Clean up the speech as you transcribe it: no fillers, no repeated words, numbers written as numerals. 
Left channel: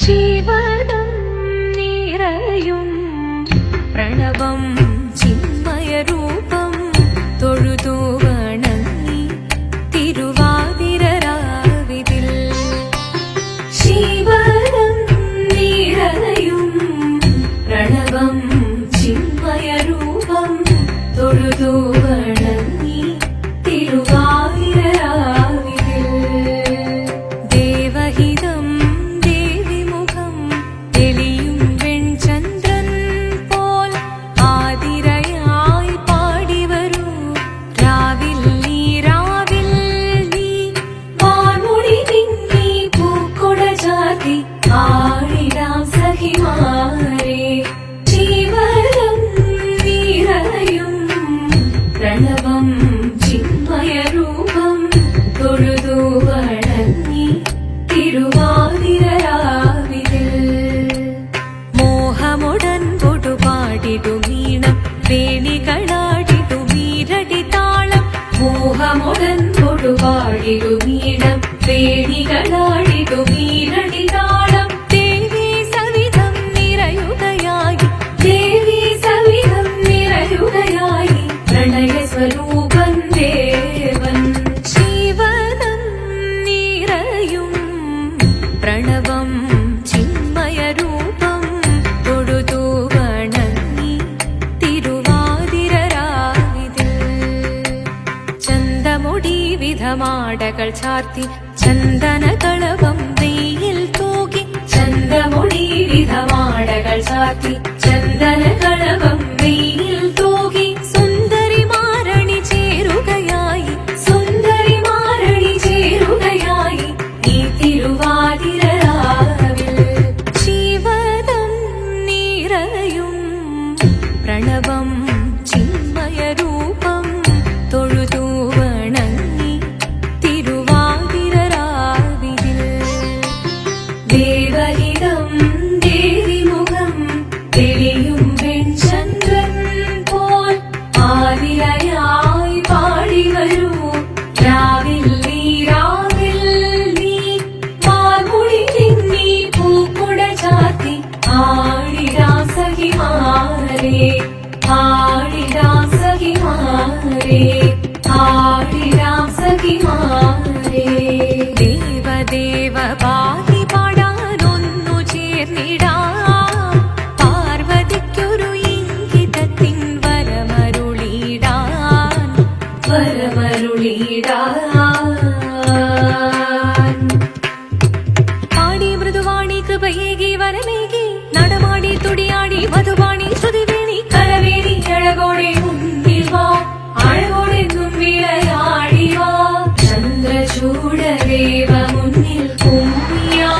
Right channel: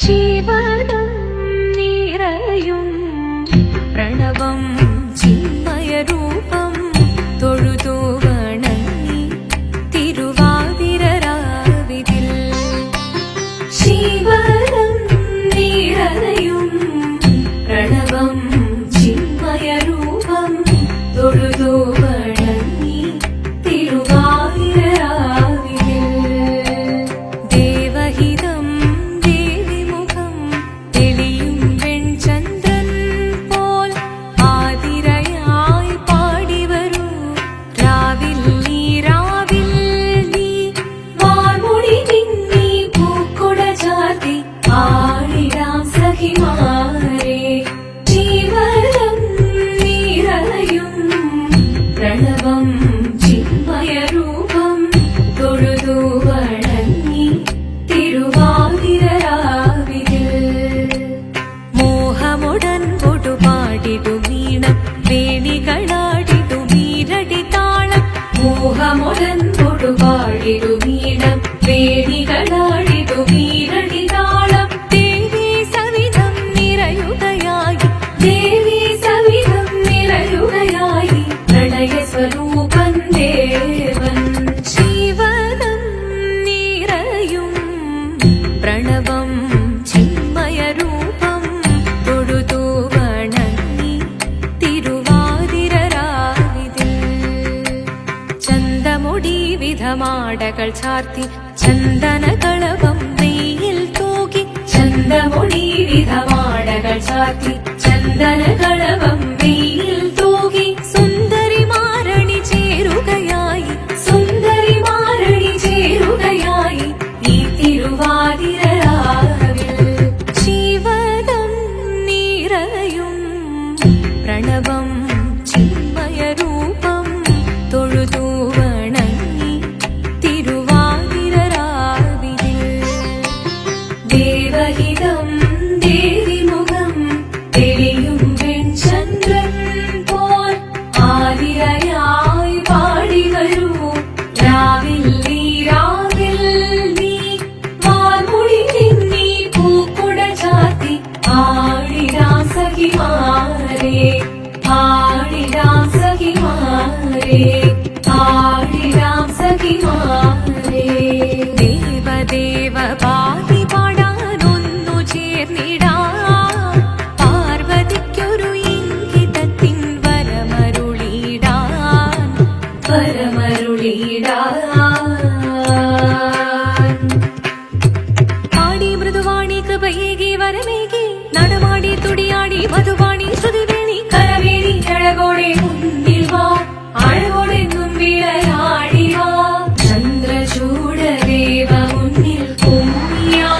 ശിവനം നിറയും പ്രണവം ചിന്മയരൂപം തൊഴുതു വണങ്ങി തിരുവാതിരരാവിതിൽ. ശിവനം നിറയും പ്രണവം ചിന്മയരൂപം തൊഴുതു വണങ്ങി തിരുവാതിരരാവിതിൽ. ദേവഹിതം ദേവിമുഖം തെളിയും വെൺചന്ദ്രൻ പോൽ ആതിരയായി പാടിവരൂ രാവിൽ നീ വാൻമുടി തിങ്ങി പൂക്കൊട ചാർത്തി ആടിടാം സഖിമാരെ. ജീവനം നിറയും പ്രണവം ചിന്മയരൂപം തൊഴുതു വണങ്ങി തിരുവാതിരരാവിതിൽ. മോഹമുടൻ പൊടുപാടിടു വീണം വേണികളാടിടു മീരടി താളം. മോഹമുടൻ പൊടുപാടിടു വീണം വേണികളാടിടു മീരടി താളം. ദേവി സവിധം നിറയുകയായി ദേവി സവിധം നിറയുകയായി പ്രണയ സ്വരൂപൻ ദേവൻ. ശിവനം നിറയും പ്രണവം ചിന്മയരൂപം തൊഴുതു വണങ്ങി തിരുവാതിരരാവിതിൽ. ചന്തമുടി വിധമാടകൾ ചാർത്തി ചന്ദനകളവം വെയിൽ തൂകി. ചന്തമുടി വിധമാടകൾ ചാർത്തി ചന്ദനകളവം വെയിൽ തൂകി. സുന്ദരിമാരണി ചേരുകയായി സുന്ദരിമാരണി ചേരുകയായി ഈ തിരുവാതിരരാവിൽ. ശിവനം നിറയും പ്രണവം ചിന്മയരൂപം തൊഴുതു വണങ്ങി തിരുവാതിരരാവിതിൽ. ദേവഹിതം ദേവിമുഖം തെളിയും വെൺചന്ദ്രൻ പോൽ ആതിരയായി പാടിവരൂ രാവിൽ നീ വാൻമുടി തിങ്ങി പൂക്കൊട ചാർത്തി ആടിടാം സഖിമാരെ. ആടിടാം സഖിമാരെ ആടിടാം സഖിമാരെ. ദേവദേവ പാടി പാടാനൊന്നു ചേർന്നിടാം. പാർവതിക്കൊരു ഇംഗിതത്തിൻ വരമരുളിടാൻ പാടി മൃദുവാണി കൃപയേകി വരമേകി നടമാടി തുടിയാടി മധുവാണി ശ്രുതിവേണി കരവേണി അഴകോടെ മുന്നിൽ വാ അഴകോടെ തുമ്പിളയാടി വാ. ചന്ദ്രചൂഡദേവ മുന്നിൽ കുമ്മിയാ